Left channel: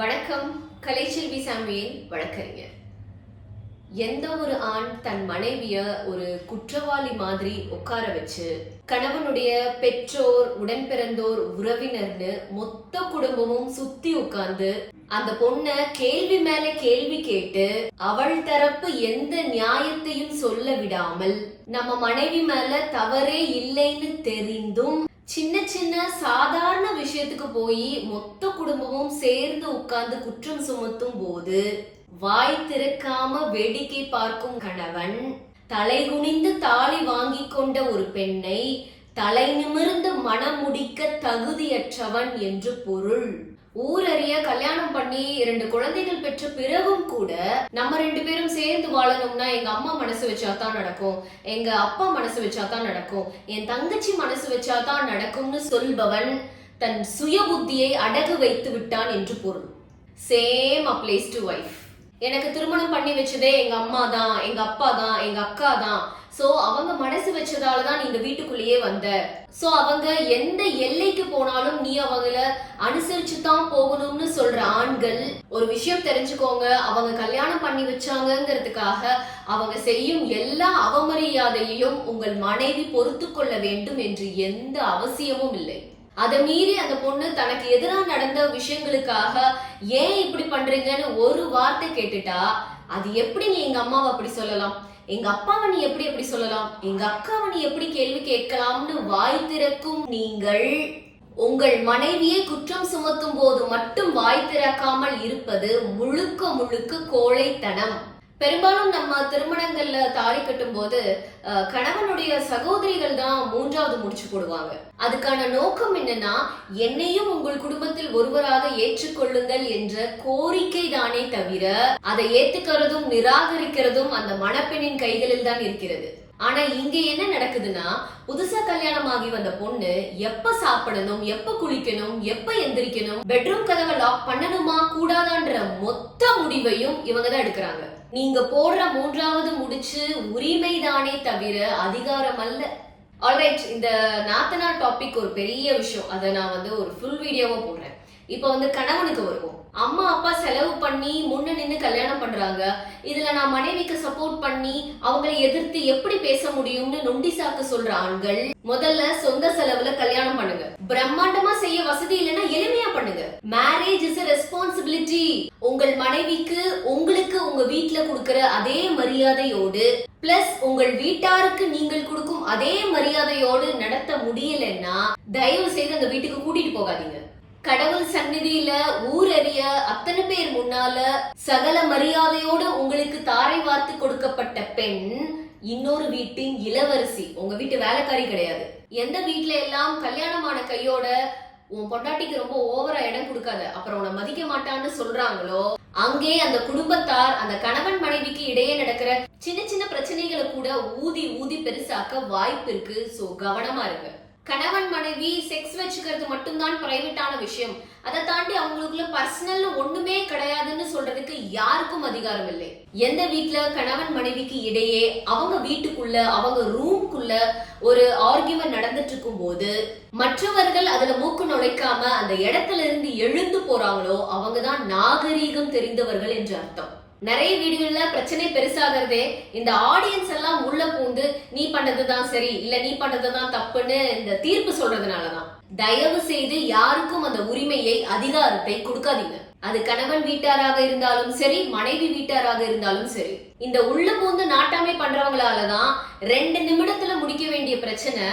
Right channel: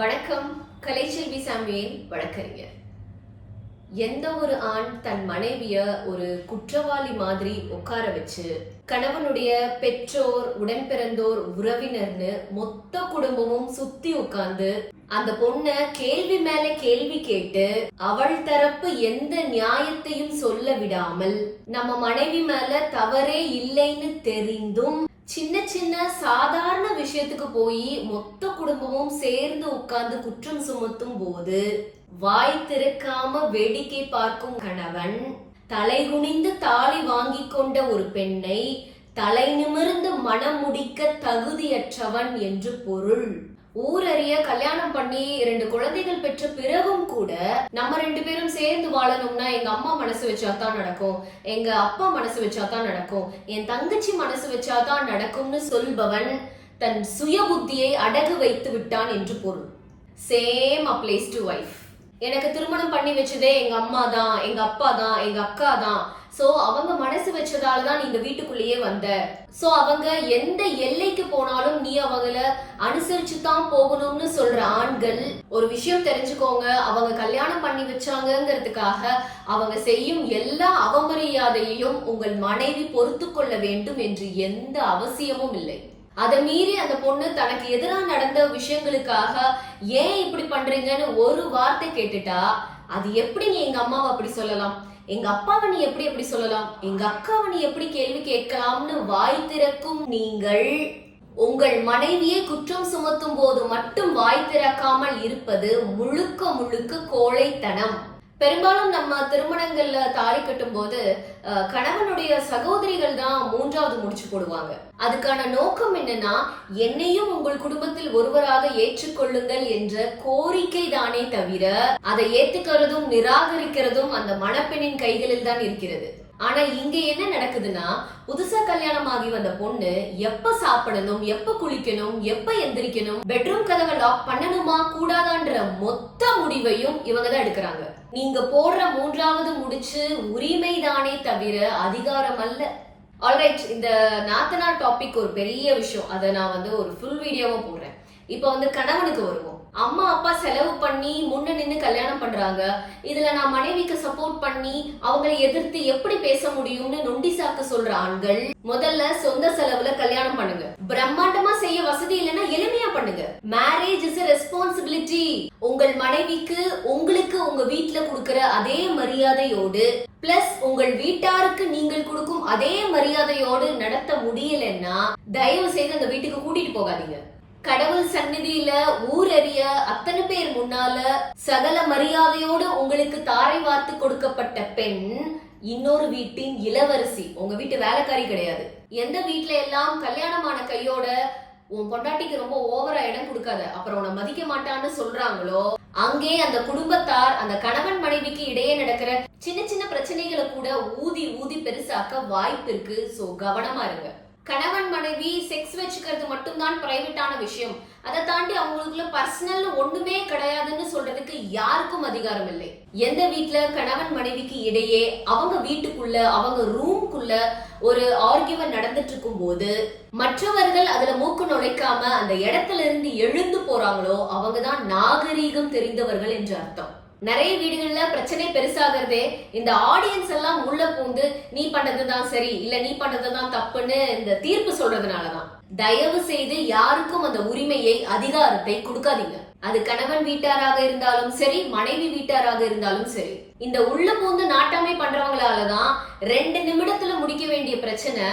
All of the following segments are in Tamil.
வணக்கம். கலைச்செல்வி சாமுவேல் வழக்கறிஞர். எந்த ஒரு ஆண் தன் மனைவிய ஒரு குற்றவாளி மாதிரி உட்கார வச்சு கணவனுடைய பெற்றோர், உடன்பிறந்தோர், உறவினர்னு மொத்த குடும்பமும் சுத்தி உட்கார்ந்து அந்த பொண்ண கேள்வி மேல கேள்வி கேட்டு அவள் தரப்பு எந்த நியாயத்தையும் சொல்ல விடாமல் நம்ம மனைவி மேல தவறே இல்லைன்னு தெரிந்தும் சின்ன சின்ன சாதாரண விஷயத்துக்கு போய் மொத்த குடும்பமும் சேர்ந்து உட்கார்ந்து குற்றம் சுமத்தும் போது வாய் திறக்காம வேடிக்கை பார்க்கும் கணவன், தலை குனிந்து தாலி வாங்கி கொண்ட ஒரு பெண்ணை தலை நிமிர்ந்து மனம் முடிக்க தகுதியற்றவன் என்று பொருள். ஊரறிய கல்யாணம் பண்ணி 2 குழந்தைகள் பெற்ற பிறகும் கூட நம்ம 2 பேரும் சேர்ந்து வாழணும்னா எங்க அம்மா மனசு வச்சாதான் நடக்கும், எங்க அப்பா மனசு வச்சாதான் நடக்கும், என் தங்கச்சி மனசு வச்சாதான் நடக்கும்னு சொல்பவன் தன் சுய புத்தியை அடகு வைத்து விட்டான் என்று பொருள். Same applies to wife. எனக்கு திருமணம் பண்ணி வச்சதே எங்க அம்மா தான், எங்க அப்பா தான், எங்க அக்கா தான். சோ அவங்க மனசு வச்சதாலதான் நீங்க வீட்டுக்குள்ளேயே வந்த. சோ அவங்க எந்த எல்லைக்கு போனாலும் நீ அவங்கள அனுசரிச்சுதான் போகணும்னு சொல்ற ஆண்கள், ஒரு விஷயம் தெரிஞ்சுக்கோங்க, அவங்க கல்யாணம் பண்ணி வச்சாங்கிறதுக்காக அவங்க செய்யும் எல்லா அவமரியாதையையும் உங்கள் மனைவி பொறுத்து கொள்ள வேண்டும் என்று எந்த அவசியமும் இல்லை. அதை மீறி அந்த பொண்ணு தனக்கு எதிராக நடந்த விஷயங்களுக்காக ஏன் இப்படி பண்றீங்கன்னு ஒரு வார்த்தை கேட்டுட்டா, அது எப்படி நீ எங்க அம்மாவை அப்படி சொல்லலாம், எங்க அப்பாவை நீ எப்படி சொல்லலாம், எங்க அக்காவை நீ எப்படி கேள்வி கேட்கலாம்னு வாய் திறக்கும் நீங்கள் உங்கள் மனைவியை குற்றம் சுமத்தும் போது மட்டும் வாய் திறக்காமல் இருப்பது முழுக்க முழுக்க கோழைத்தனம். பெரும்பாலும் நம்ம திருமணங்கள்ல தாலி கட்டும் போது கணவனுடைய சகோதரிகள் தான் 3வது முடிச்சு போடுவாங்க. அதுக்கான நோக்கம் என்னன்னா, என்னையும் உங்கள் குடும்பத்தில் ஒருவராக ஏற்றுக்கொள்ளுங்கள் என்ற கோரிக்கை தானே தவிர அதை ஏத்துக்கிறதும் நிராகரிக்கிறதும் அந்த மணப்பெண்ணின் கைகளில் தான் இருக்கிறது. ஆனா இங்க என்ன நடக்குதுன்னா, புதுசா கல்யாணம் ஆகி வந்த பொண்ணு எப்ப சாப்பிடணும், எப்ப குளிக்கணும், எப்ப எந்திரிக்கணும், பெட்ரூம் கதவை லாக் பண்ணணுமா கூடாதான்ற மொத்த முடிவையும் இவங்க தான் எடுக்கிறாங்க. நீங்க போடுற 3வது முடிச்சு உரிமை தானே தவிர அதிகாரம் அல்ல. ஆல்ரைட், இந்த நாத்தனார் டாபிக் ஒரு பெரிய விஷயம். அதை நான் ஒரு ஃபுல் வீடியோவா போடுறேன். இப்ப கணவனுக்கு வருவோம். அம்மா அப்பா செலவு பண்ணி முன்ன நின்னு கல்யாணம் பண்றாங்க. இதுல நான் மனைவிக்கு சப்போர்ட் பண்ணி அவங்களை எதிர்த்து எப்படி பேச முடியும்னு நொண்டி சாக்கு சொல்ற ஆண்கள், முதல்ல சொந்த செலவுல கல்யாணம் பண்ணுங்க. பிரம்மாண்டமா செய்ய வசதி இல்லைன்னா எளிமையா பண்ணுங்க. Marriage is a responsibility. உங்கள் மனைவிக்கு உங்களுக்கு உங்க வீட்டுல கொடுக்கிற அதே மரியாதையோடு பிளஸ் உங்கள் வீட்டாருக்கு நீங்கள் கொடுக்கும் அதே மரியாதையோடு நடத்த முடியலன்னா தயவு செய்து அந்த வீட்டுக்கு கூட்டிட்டு போகாதீங்க. கடவுள் சந்நிதியில ஊரறிய அத்தனை பேர் முன்னால சகல மரியாதையோடு உங்களுக்கு தாரை வார்த்து கொடுக்கப்பட்ட பெண் இன்னொரு வீட்டின் இளவரசி, உங்க வீட்டு வேலைக்காரி கிடையாது. எந்த வீட்டுல எல்லாம் கல்யாணமான கையோட உன் பொண்டாட்டிக்கு ரொம்ப ஓவரா இடம் கொடுக்காத, அப்புறம் உன்னை மதிக்க மாட்டான்னு சொல்றாங்களோ, அங்கே அந்த குடும்பத்தார் அந்த கணவன் மனைவிக்கு இடையே நடக்கிற சின்ன சின்ன பிரச்சனைகளை கூட ஊதி ஊதி பெருசாக்க வாய்ப்பு இருக்கு. சோ கவனமா இருங்க. கணவன் மனைவி செக்ஸ் வச்சுக்கிறது மட்டும்தான் பிரைவேட்டான விஷயம், அதை தாண்டி அவங்களுக்குள்ள பர்சனல் ஒண்ணுமே கிடையாதுன்னு சொல்றதுக்கு யாருக்கும் அதிகாரம் இல்லை. எந்த வீட்டுல கணவன் மனைவிக்கு இடையே அவங்க வீட்டுக்குள்ள அவங்க ரூம்குள்ள ஒரு ஆர்கியூமெண்ட் நடந்துட்டு இருக்கும் போது மற்றவர்கள் அதுல மூக்கு நுழைக்காம அந்த இடத்துல இருந்து எழுந்து போறாங்களோ அவங்கதான் நாகரீகம் தெரிந்தவர்கள் என்று அர்த்தம். நிறைய வீடுகள்ல பிரச்சனை பெருசாகிறதே இந்த ஆடியன்ஸ் எல்லாம் உள்ள பூந்து நீ பண்றதுதான் சரி இல்ல நீ பண்றதுதான் தப்புன்னு இந்த தீர்ப்பு சொல்றதுனாலதான். தயவு செய்து யாருக்கும் அந்த உரிமையை, அதிகாரத்தை கொடுக்காதீங்க. அது கணவன் வீட்டாராக இருந்தாலும் சரி, மனைவி வீட்டாராக இருந்தாலும் சரி. இந்த உள்ள பூந்து நாட்டாமை பண்றவங்களாலதான் 2 நிமிடத்துல முடிக்க வேண்டிய பிரச்சனை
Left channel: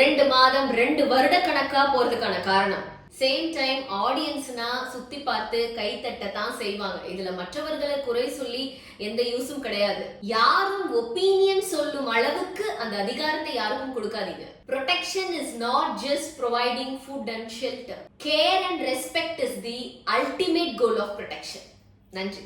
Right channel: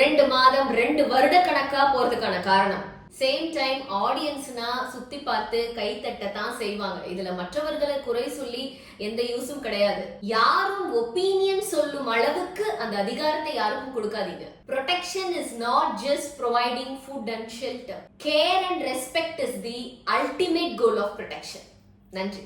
2 மாதம் 2 வருட கணக்கா போறதுக்கான காரணம். சேம் டைம் ஆடியன்ஸ்னா சுத்தி பார்த்து கை தட்டத்தான் செய்வாங்க. இதுல மற்றவர்களை குறை சொல்லி எந்த யூஸும் கிடையாது. யாரும் ஒப்பீனியன் சொல்லும் அளவுக்கு அந்த அதிகாரத்தை யாருக்கும் கொடுக்காதீங்க. Protection is not just providing food and shelter. Care and respect is the ultimate goal of protection. நன்றி.